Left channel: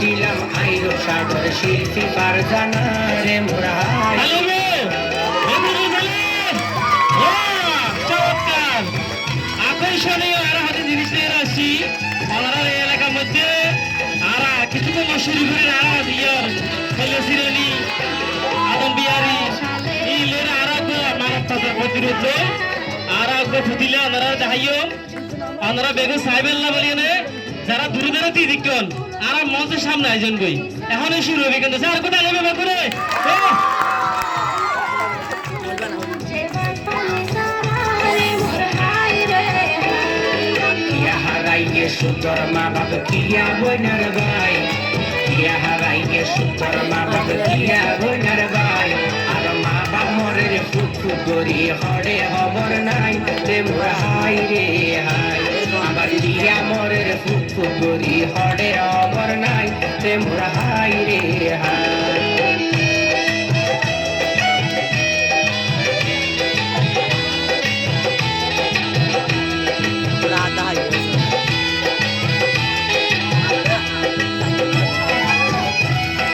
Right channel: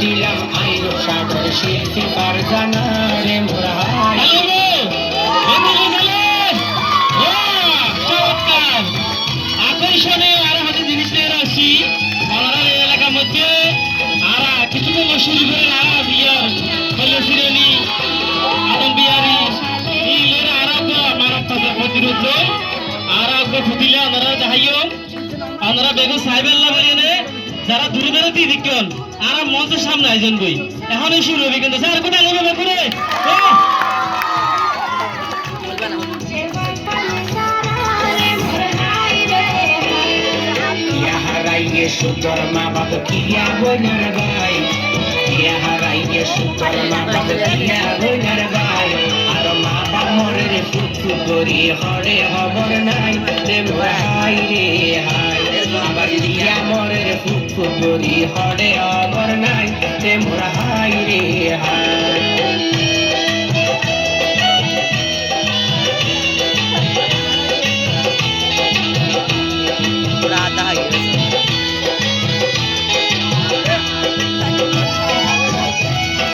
দিলাম আইরো সাগর শিল্পী পারজানা রে মোরা আকর্ষণীয় আরো হাতে জিনিস নিয়ে আসছি আমার এই এলাকার মধ্যে আর কিছু তো মশুরি করে আর বিয়ার ফলে সিরেনি আদম বিহারি নীলের আরোগ্য মানব তাজা প্রতিরোধ আরোগ্য ফুটিলে ওনারা দেখাইও ওনারা বেগুন সাহেবেল্লা বলিয়ে যারা দূরে দূরে দিয়ে দিকন আর মঞ্চের সামনে আয়োজন বই এখন এই শুরু হবে কিন্তু স্যার কোথায় নেবে বেগুনে সুতর মা বাপ কিয়া বইনার ভাই কিয়া হারাইয়ে সুতর মা বাপ কিয়া বইনার ভাই আর মা বাপ মরে ফুটফু করি হরে খবর নাই রে মোর হাই রে হাই আবার দিয়া মরে ফুটফু করি হরে খবর নাই রে মোর হাই রে হাই